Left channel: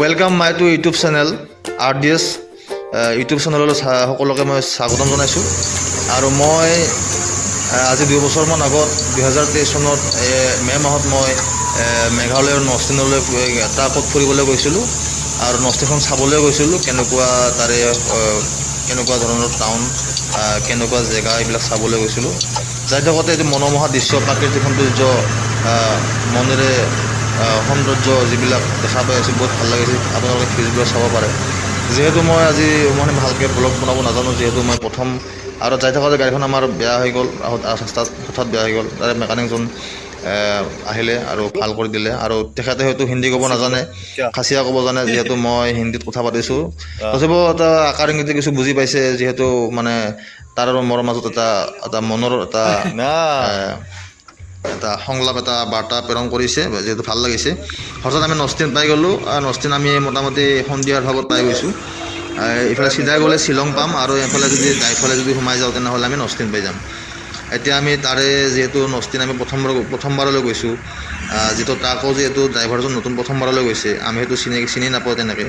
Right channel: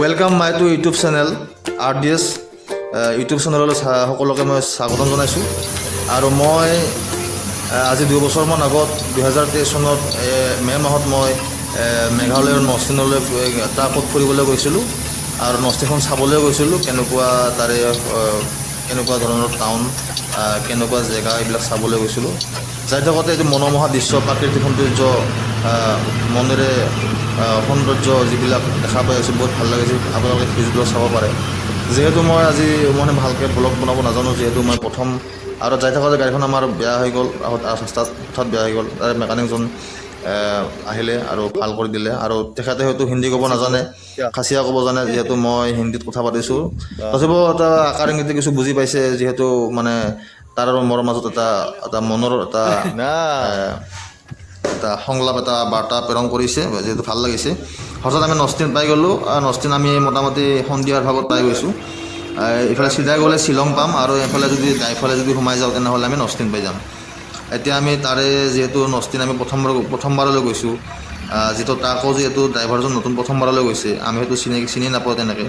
Welcome my to YouTube channel RDS YouTube চেনেলৰ সকলোকে মই স্বাগতম জনাইছোঁ। আৰু মই আজি 2 বছৰমান আগত 2023 চনত মে' মাহত মই মেঘালয়ৰ নস্তিনলৈ এটা পথ ফুৰিবলৈ গৈছিলোঁ আৰু নস্তিখন চাবলৈ গৈছিলোঁ। কেনেকুৱা তাৰে কেনেকুৱা ধৰণৰ টাউন, কেনেকুৱা জেগা এইবিলাক চাবলৈ গৈছিলোঁ। যাই থাকোঁতে এইটো মনোমোহা দৃশ্য, প্ৰাকৃতিক সৌন্দৰ্য, মনেৰে সৌন্দৰ্য যিবিলাক দেখা পাই আছোঁ, বহুত ভাল লাগিছে। আপোনালোকে ভিডিঅ'বিলাক চাব পাৰে। যিহেতু মই আজি ভালকৈ ব্লগ বনাব নাজানো, যিহেতু মই প্ৰথম আৰু যাই থাকোঁতে গাড়ীখন আমাৰ বেয়া হৈ গ'ল, ৰাস্তাত হঠাৎ বেয়া হৈ গ'ল। তাৰে মেকানিকজন আহিলে আৰু ভাল কৰি দিলে। আৰু তেখেতে হয়তো হিন্দী ক'ব নাজানে, খাচীয়া ক'ব জানে, যিহেতু মই হিন্দীত কথা পাতিছোঁ। তথাপিও এটা আকাৰ ইংগিতে কিছু বুজি পাইছে, যিহেতু মানে তাৰ আৰু মোৰ মাজত এটা মনৰ এটা সংলাপ, এটা বাৰ্তা প্ৰেৰণ কৰিছে, যিহেতু ভাল লাগিছে। হঠাৎ আমি নস্তিন পাই গ'লোঁ। নস্তিন আমি মোটামুটি সন্ধিয়াৰ ভাগত পাই গৈছোঁ। এইফালে চিধা গ'লে শ্বিলং পাম, আৰু এইফালে যদি সোমাই যাওঁ তেনেহ'লে আমি নস্তিন পাই যাম। এতিয়া আমি তাৰে যিহেতু নস্তিন আমি প্ৰথমবাৰলৈ গৈছোঁ, যিটো তাকো যিহেতু ড্ৰাইভাৰজন নতুন প্ৰথমবাৰলৈ গৈছে, আমি সেইটো চিনি নাপাওঁ তেনেকৈ।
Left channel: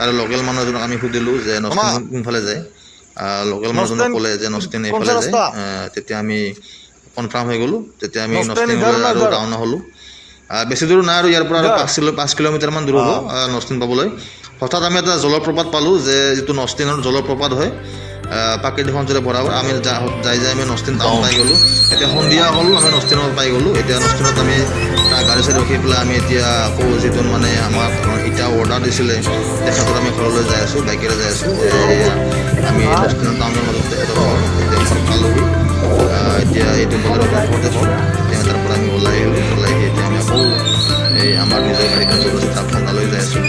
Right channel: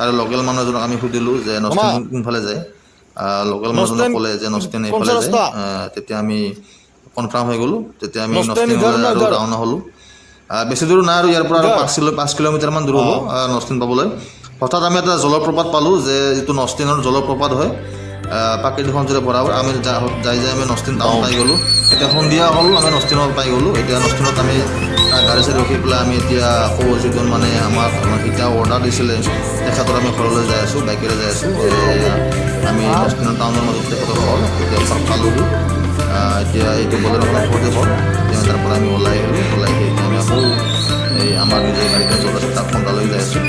আৰু লোকেল মানুহ এজনক আমি সুধিলোঁ যে নস্তিন কোনফালে যায়। লোকেল মানুহজনক ক'লে যে নস্তিন এইফালে যায়। তেতিয়া আমি কনফাৰ্ম হৈ গ'লোঁ। তেতিয়া আমি নস্তিনলৈ আৰু ৰাওনা হ'লোঁ। বেছি দূৰ নাই আৰু ইয়াৰ পৰা আৰু 5 কিলোমিটাৰমান দূৰ হ'ব নস্তিন পাবলৈ। হঠাৎ আমি এটা জলপ্ৰপাত পালোঁ, যে যিটো নস্তিনৰ জলপ্ৰপাত হয়, প্ৰাকৃতিক সৌন্দৰ্যৰে ভৰা। আমি যাই আমি নস্তিন টাউন পাই গ'লোঁ। এতিয়া সন্ধিয়া হ'ল, আমি নস্তিনত পাই গ'লোঁ। এতিয়া নস্তিনত আমি গাড়ী চাড়ী ৰখি পেলাই আমি এতিয়া আকৌ যিটো মানে আমাক এতিয়া অৰ্ডাৰ দিছিলে, তেখেতৰ আমি ঘৰলৈ যাই আছোঁ, বাইকেৰে যাই আছোঁ। আমি নস্তিনত টাউনৰ মাজতে পালোঁ। এতিয়া এইটো তাৰ পৰা আমি ওলাই আহিলোঁ। এতিয়া আমি আকৌ এই আমাৰ নিজৰ গাড়ীখন চলাই তাত পণ্ডালৈ যাই আছোঁ।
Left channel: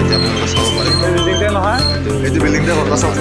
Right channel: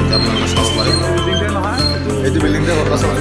এতিয়া আপোনালোকে চাব পাৰে। বিল্ডিংতে নহয়, এইটো বিল্ডিংতে ঘৰ চাব